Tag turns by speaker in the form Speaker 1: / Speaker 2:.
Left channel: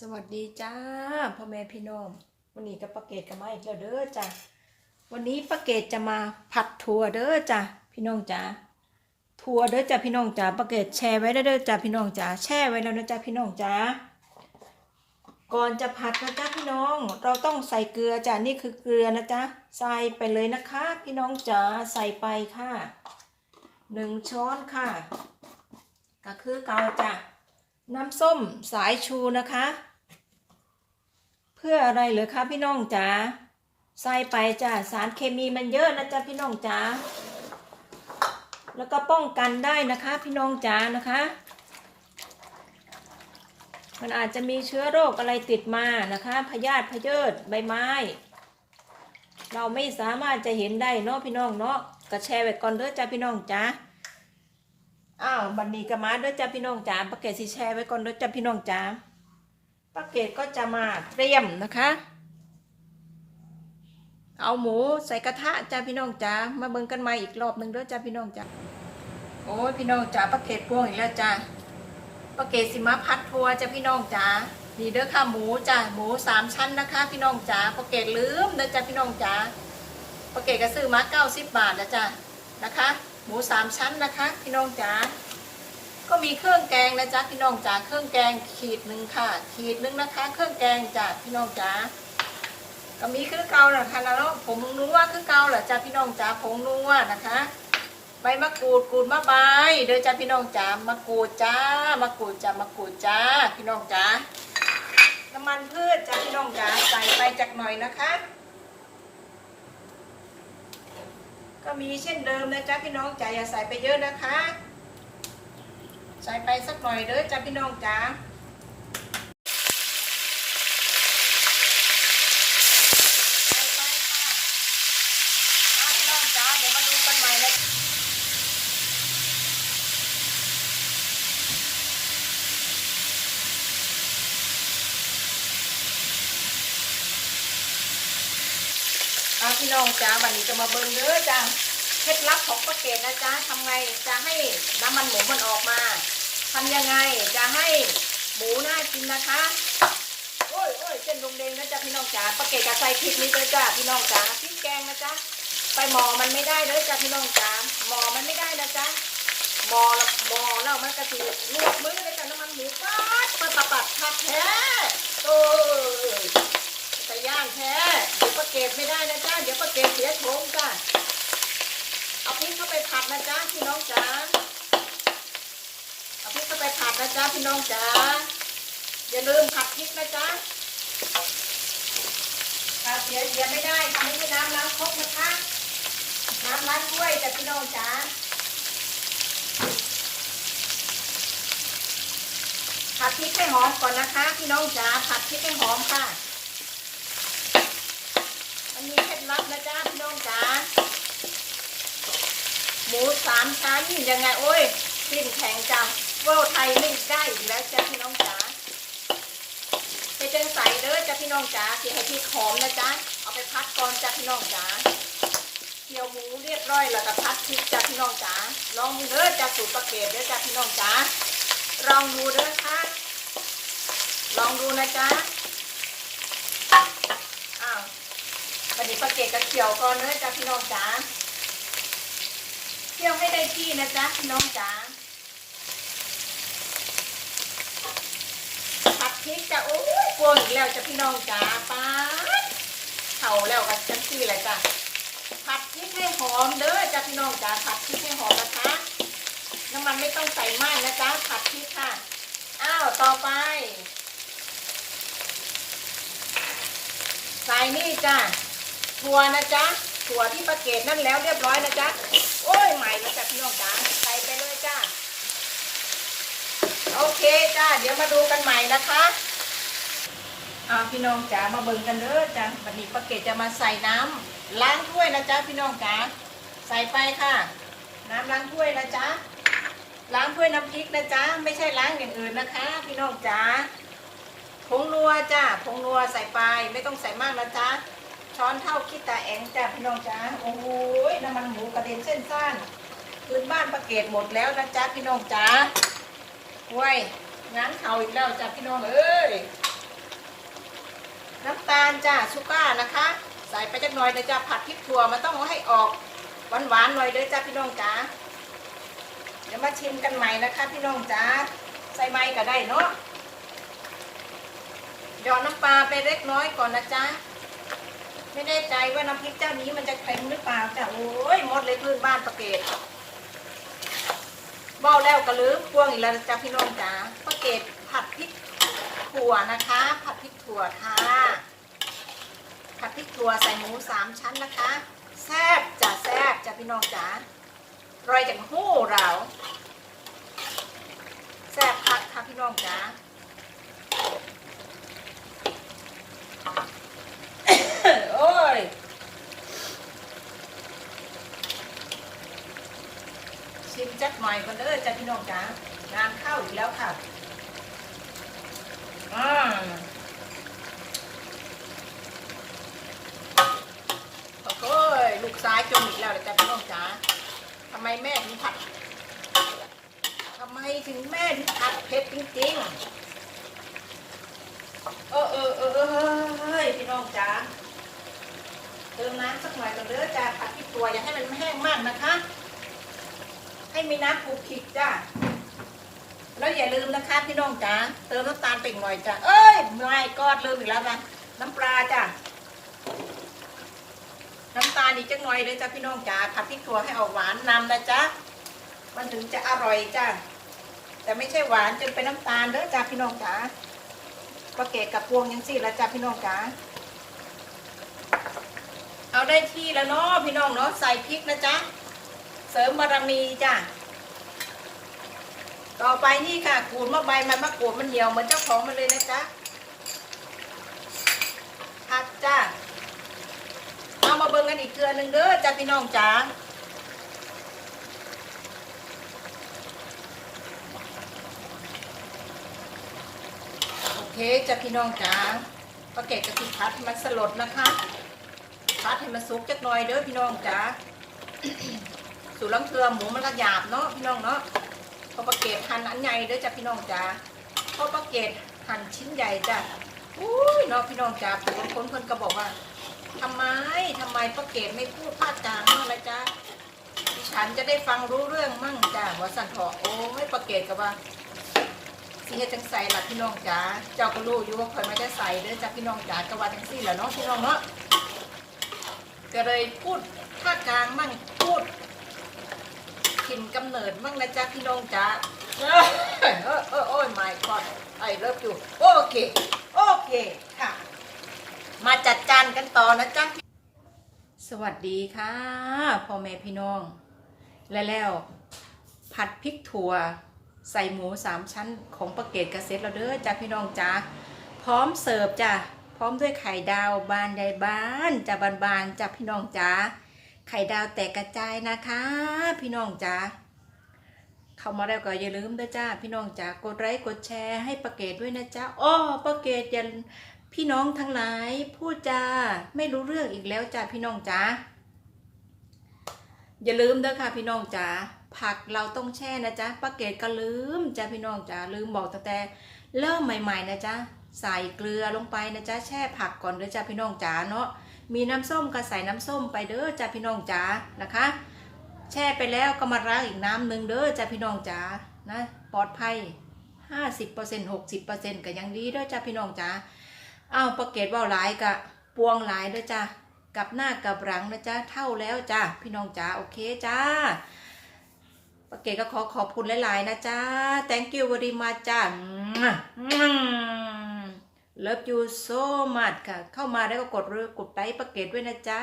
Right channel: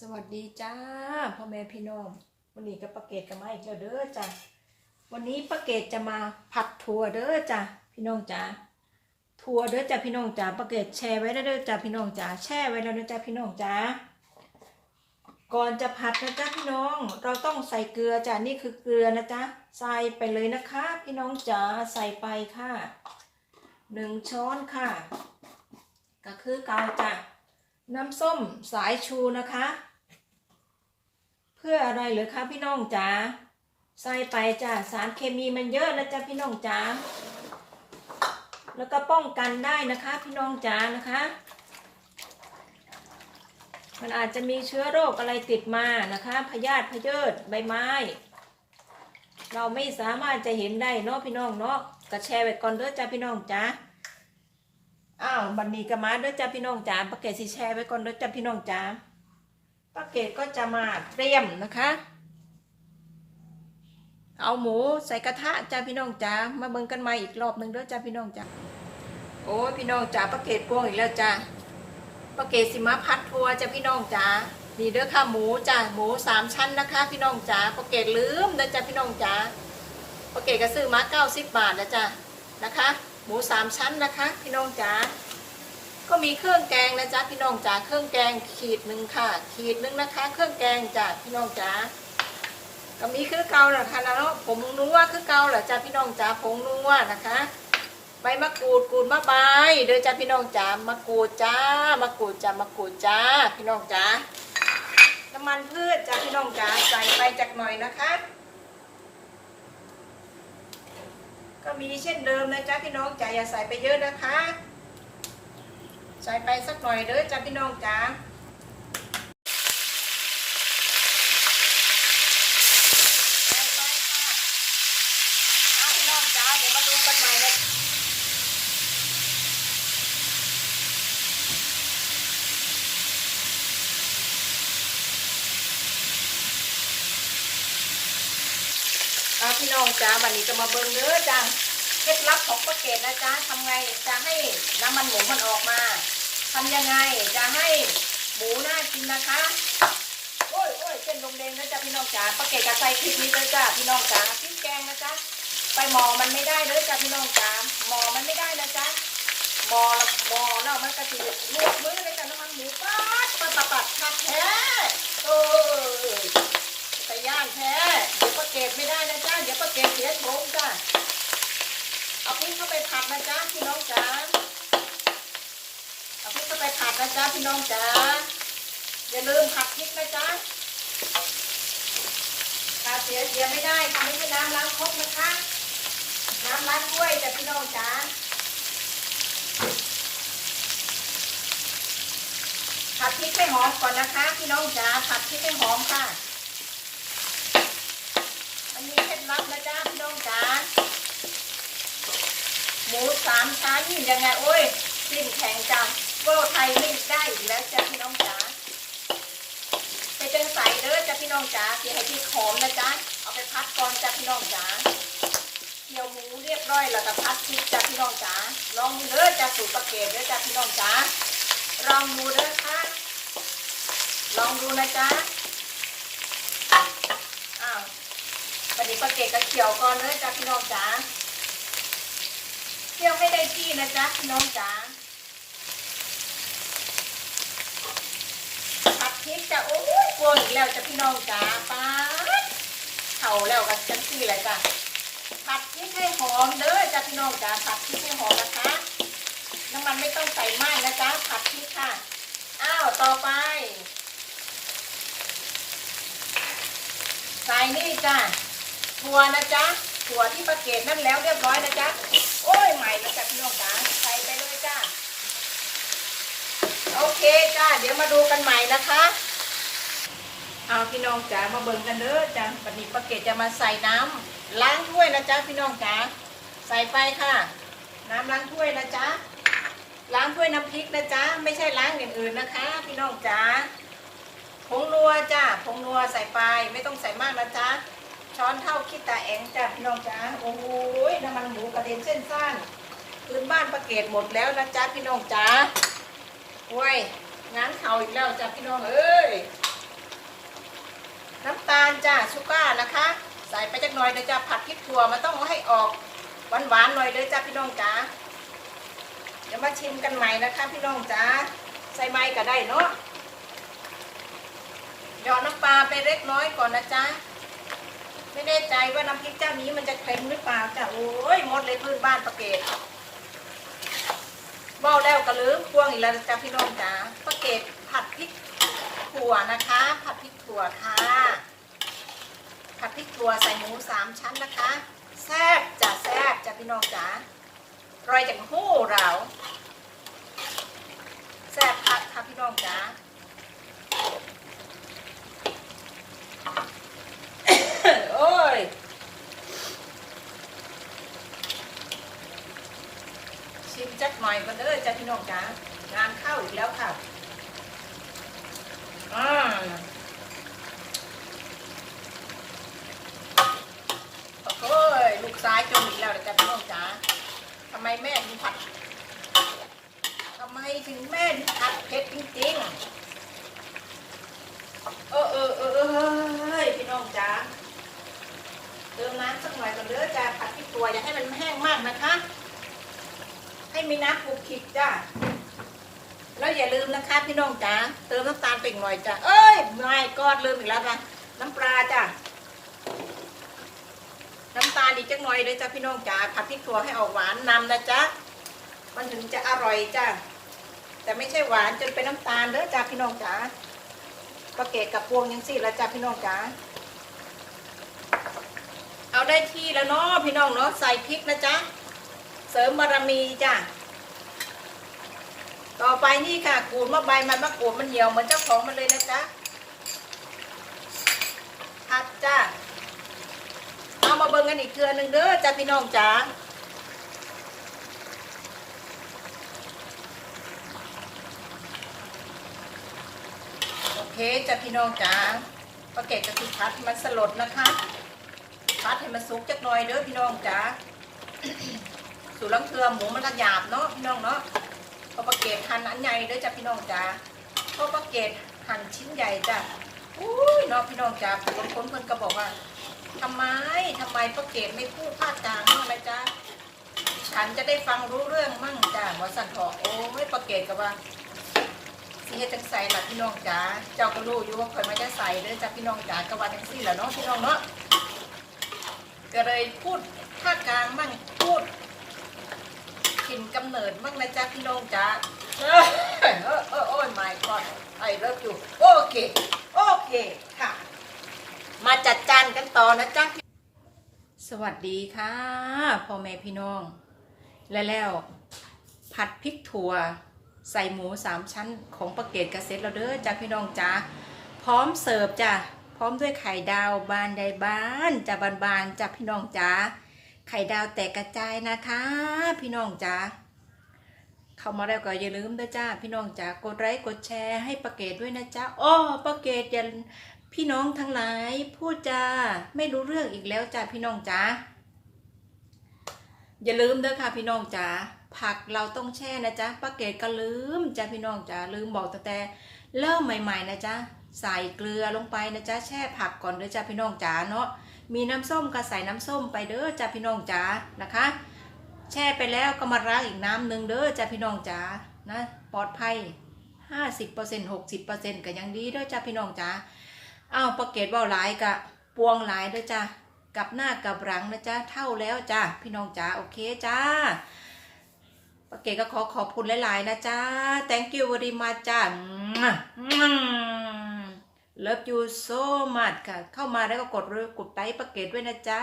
Speaker 1: สวัสดีจ้าพ่อแม่พี่น้องวันนี้ก็ป้าเกตกันมาอีกแล้วเด้อจ้ะวันนี้ป้าเกตจะมาผัดถั่วเด้อจ้ะพี่น้องจ้าถั่วเด้อจ้ะพี่น้องจ้าป้าเกตแช่ไว้แล้เด้อจ้ะพี่น้องจ้าแช่ไว้แล้วนะจ้ะพี่น้องจ้าก่อนจะผัดนะจ้ะพี่น้อง เราต้องใส่เกลือจ้ะนี่คือเกลือนะจ๊ะใส่ไปเลยนะคะ พี่น้องจ๋าใส่ไปค่ะหนึ่งช้อนค่ะ ก็คือเกาจ้ะ น้ำส้มสายชูนะคะ เพื่ออะไรเหรอคะพี่น้องจ๋าใส่ไปจ้ะสารเคมีมันเยอะนะจ๊ะพี่น้องจ๋าแล้วก็ป้องกันได้นะคะ พี่น้องจ๋านะคะ มันอาจจะมีเชื้อโรคอะไรติดมานะคะพยาธิพยศใบไม้ เราไม่สามารถจะเห็นได้เนาะพี่น้องเนาะก็แชร์ไว้ก่อนเด้อจ้ะพี่น้องจ๋า อ้าวบันนี้ก็มาด้อจ้าพี่น้องจ๋าป้าเกศสิแชร์ไว้ก่อนด้อจ้าพี่น้องจ๋าป้าเกศก็จะมาเตรียมนะคะ เอาหมูใส่กระทะจ้าพี่น้องจ๋ามาเบิ่งกันใหม่อีกรอบหนึ่งด้อจ้าพี่น้องจ๋าโอ้ยพี่น้องจ๋าป้าเกศพวงอีกแล้วจ้าป้าเกศสิมาพัดทัวร์จ้าพี่น้องจ๋านี่เด้อค่ะหมูจ้าหมูสามชั้นนะคะ พี่น้องจ๋าป้าเกศลืมเด้อจ้าพี่น้องจ๋าป้าเกศก็ซื้อมาเก้าสิบบาทนะจ้านะคะ หมูสามชั้นนะคะพี่น้องจ๋าก็มีเครื่องแกงนะจ๊ะพี่น้องจ๋าเครื่องแกงขีดหนึ่งค่ะ ขีดหนึ่งนะคะ เครื่องแกงจ้ะพี่น้องจ๋าก็มีคือเกาแหละค่ะแล้วผมรู้ว่าคือเกาแหละจ้ะพี่น้องจ๋าผมรู้ว่านะคะใบมะกรูดกูดมะบายเดี๋ยวจ้ะพี่น้องจ๋ามะกรูดจ้ามะกรูดจ้ามะกรูดจ้า พี่น้องจ๋าน้ำมันพืชจ้ะพี่น้องจ๋าใส่ไปจากหน่อยนะคะ ก็มีเช่นเดิมนะจ๊ะพี่น้องจ๋าอย่าใส่ไปเยอะนะคะ ใส่ไปสักหน่อยเด้อจ้ะพี่น้องจ๋าใส่ไปค่ะอะพี่น้องจ๋าเดี๋ยวมาดูกันหน่อยนะอะ พี่น้องจ๋าวันนี้จะมาเบิ่งเด้อจ้ะเคล็ดลับของป้าเกดนะจ๊ะทำไงจะให้น้ำมันหมูมันออกมาทำยังไงจะให้หมูน่ากินนะคะโอ้ยโอ้ยเส้นลงเดงนะจ๊ะพี่น้องจ๋าป้าเกดจะใส่พริกนี้เลยจ้ะพี่น้องจ๋าพริกแกงนะจ๊ะไปหมอมันไม่ได้เลยจ้ะพี่น้องจ๋าหมอมันไม่ได้นะจ๊ะหมอหมอแล้วมันก็จะลวกมือเลยแต่น้ำมันหมูปัดปัดปัดปัดแท้โอ้ยางแท้เดี๋ยวป้าเกดไม่ได้นะจ๊ะเดี๋ยวป้าเกดเสียโฉมจ้ะเอาพริกเข้าไปผัดนะจ๊ะพี่น้องจ๋าเอาพริกเข้าไปผัดนะจ๊ะพี่น้องจ๋าอย่าลืมผัดพริกนะจ๊ะถ้าเสียเสียไม่ได้ทำให้น้ำล้างครกนะคะ น้ำล้างถ้วยจ้ะพี่น้องจ๋าผัดพริกให้หอมก่อนนะคะ พี่น้องจ๋าผัดพริกให้หอมค่ะ มีเคล็ดลับนะจ๊ะพี่น้องจ๋าหมูสามชั้นยังไงโอ้ยสิ้นแข็งจังโก็ไทยไม่ได้อยู่แล้วจ้ะพี่น้องจ๋าไปเป็นใส่เด้อจ้ะพี่น้องจ๋าเกี่ยให้พี่หอมนะจ๊ะเอาไปพักก่อนจ้ะพี่น้องจ๋าเกี่ยวหมูเรียบร้อยแล้วก็พัดพริกจ้ะพี่น้องจ๋าลองดูเด้อจ้ะสูตรประเกตเด้อจ้ะพี่น้องจ๋าลองดูเด้อค่ะลองดูนะจ๊ะอ้าวกระ ดิ่งประเกตกระเกี่ยวก่อนเลยจ้ะพี่น้องจ๋าเที่ยวให้ได้ที่นะจ๊ะพี่น้องจ๋าผัดพริกจะโอ้ยกลัวอีกแล้วจ้ะพี่น้องจ๋าป้าเข่าแล้วกับฉันคืออะไรจ้ะผัดพริกให้หอมเด้อจ้ะพี่น้องจ๋าผัดพริกให้หอมนะคะน้ำมันไม่ต้องใส่มากนะจ๊ะผัดพริกค่ะอ้าวต่อไปใส่นี่จ้ะ ถั่วนะจ๊ะถั่วที่ประเกตนั่นแล้วเรียบร้อยนะจ๊ะโอ้ยใหม่เลยจ้ะพี่น้องจ๋าใส่ไปเลยจ้าโอเคจ้าเดี๋ยวมาดูกันใหม่นะคะอาพี่น้องจ๋ามาเบิ่งกันเด้อจ้าวันนี้ป้าเกดจะมาใส่น้ำล้างถ้วยนะจ๊ะพี่น้องจ๋าใส่ไปค่ะ น้ำล้างถ้วยนะจ๊ะล้างถ้วยน้ำพริกนะจ๊ะไม่ใช่ล้างอย่างอื่นนะคะ พี่น้องจ๋าผงนัวจ้าผงนัวใส่ไปไม่ต้องใส่มากนะจ๊ะ ช้อนเท่าคิดตาแองจ้ะพี่น้องจ้าโอ้โหน้ำมันหมูกระเด็นเส้นซ่านคืนบ้านประเกตหมดแล้วนะจ๊ะพี่น้องจ้าโอ้ยงานเข่าอีกแล้วจ้ะพี่น้องเอ้ยน้ำตาลจ้าชูก้านะคะ ใส่ไปจักหน่อยเดี๋ยวจะผัดพริกถั่วมันต้องเอาให้ออกหวานๆหน่อยเดี๋ยวจ้าพี่น้องจ๋าเดี๋ยวมาชิมกันใหม่นะคะพี่น้องจ๋าใส่ไม้ก็ได้เนาะหยอดน้ำปลาไปเล็กน้อยก่อนนะจ๊ะ ไม่แน่ใจว่าน้ำพริกเจ้านี้มันจะเค็มหรือเปล่าจ้ะโอ้ยหมดเลยพื้นบ้านประเกตบ้าแล้วก็ลืมพวงอีกแล้วจ้ะพี่น้องจ๋าประเกตผัดพริกถั่วนะคะ ผัดพริกถั่วค่ะผัดพริกถั่วใส่หมูสามชั้นนะคะแซ่บจ้ะแซ่บจ้ะพี่น้องจ๋าร่อยจากหู้เราแซ่บค่ะค่ะพี่น้องจ๋า โอ้ยชิม จักหน่อยมาเลยจ้ะพี่น้องจ๋างานเข้าอีกแล้วค่ะอืมโอ้โหลูกซ้ายกินอีกแล้วเหรอจ๊ะพี่น้องจ๋าทำไมแม่ถึงผัดทำไมถึงแม่ถึงผัดเผ็ดจริงๆเออเออเออเออเฮ้ยพี่น้องจ๋าเติมน้ำสักหน่อยกันเด้อจ้าผัดที่ตัวอย่าให้มันแห้งมากนะคะ ให้มีน้ำปุกขิดจ้าแล้วอย่าลืมนะคะพี่น้องจ๋าเติมน้ำตาลไปอีกหน่อยจ้ะเอ้ยไม่กอดลืมอีกแล้วนะน้ำปลาจ้ะน้ำตาลอีกจักหน่อยเลยจ้ะพี่น้องจ๋าผัดพริกถั่วให้ออกหวานนำนะจ๊ะมันถึงจะอร่อยจ้ะแต่ไม่ใช่หวานจนเป็นน้ำตาลเด้อจ้ะพี่น้องจ๋าประเกตกับพวงยังสิแล้วจ้ะพี่น้องจ๋าเอาได้ที่แล้วเนาะพี่น้องเนาะใส่พริกนะจ๊ะ เสริมบารมีจ้ะต่อไปนี่ค่ะขูดมะใบมันมะกรูดมันเหนียวเหมือนเจ้าของมันเลยนะจ๊ะอัดจ้าเอามาเบิ่งกันอีกเกลือหนึ่งเด้อจ้าพี่น้องจ๋าโอเคจ้าพี่น้องจ๋าก็เก็บกะทิคัดให้มันสลดนะคะคัดให้มันสุกจักหน่อยเด้อพี่น้องจ๋า สูตรลังเทือหมูมันก็หยาบเนาะพี่น้องเนาะพอประเกตหั่นอันใหญ่ด้อจ้ะพี่น้องจ๋าพอประเกตหั่นชิ้นใหญ่จ้ะอุ้ยเนาะพี่น้องจ๋าเห็นคนเพิ่นก็บอกว่าทำไมทำไมประเกตไม่พูดภาคกลางนี่ละจ๊ะฉันจะได้ฟังรู้เรื่องมั่งจ้ะว่าสั่นถอโอ้ไม่ประเกตกับว่าสิเฮ็ดจังใส่ละพี่น้องจ๋าเจ้าก็รู้อยู่ว่าคนไม่ได้ใส่เด้อจ้ะพี่น้องจ๋าก็ว่าจังซี่แหละเนาะพี่น้องเนาะก็เลยพูดภาคกลางมั่งพูด ถิ่นกำเนิดมั่งนะจ๊ะพี่น้องจ๊ะเออเออเออโอ้ย my god ไอ้เลิฟอยู่โอเค โอเคค่ะ มาจัดจานกันต่อนะจ๊ะสวัสดีค่ะพ่อแม่พี่น้อง และแล้วผัดพริกถั่วใส่หมูสามชั้นของประเกตกระเซ็ตเราเด้อจ้ะพี่น้องจ้าพร้อมเสิร์ฟจ้ะพร้อมด้วยไข่ดาวบานใดบ้านจ้ะบานๆจ้ะพี่น้องจ้า ไข่ดาวแตกกระจายนะคะ พี่น้องจ๋าเข้ามาแล้วก็อย่าลืมด้วยจ้าพี่น้องจ๋ากดไลค์กดแชร์ให้ประเกตด้วยนะจ๊ะอ้อประเกตอย่าพี่น้องทั้งหลายพูดจาไม่รู้เรื่องอีกแล้วจ้าพี่น้องจ๋าอย่าลืมเด้อค่ะพี่น้องจ๋าผักเราต้องแช่นะจ๊ะประเกตก็ลืมจ้าพี่น้องจ๋าลืมบอกตั้งแต่เริ่มใหม่ ๆ นะจ๊ะ ใส่เกลือลงไปนะจ๊ะแช่ผักก่อนเด้อจ้าพี่น้องจ๋าเนาะมีน้ำส้มก็ใส่น้ำส้มไปเด้อจ้าพี่น้องจ๋านะคะ แช่ไปแล้วก็มาล้างอีกน้ำหนึ่งเด้อจ้าพี่น้องจ๋านะปลอดภัย 50% 60%ก็ยังดีเด้อจ้าพี่น้องจ๋าอ้าวประเกตว่าหลายกะปวงหลายเด้อจ้ากับหน้ากับหลังนะจ๊ะเท่าแล้วจ้าพี่น้องจ๋าโอเคจ้าประเกตก็ขอขอบคุณหลายๆนะจ้า thank you very much จ้า Love you so much ค่ะ เข้ามาแล้วก็กดกดไลค์ประเกตด้วยนะจ๊ะ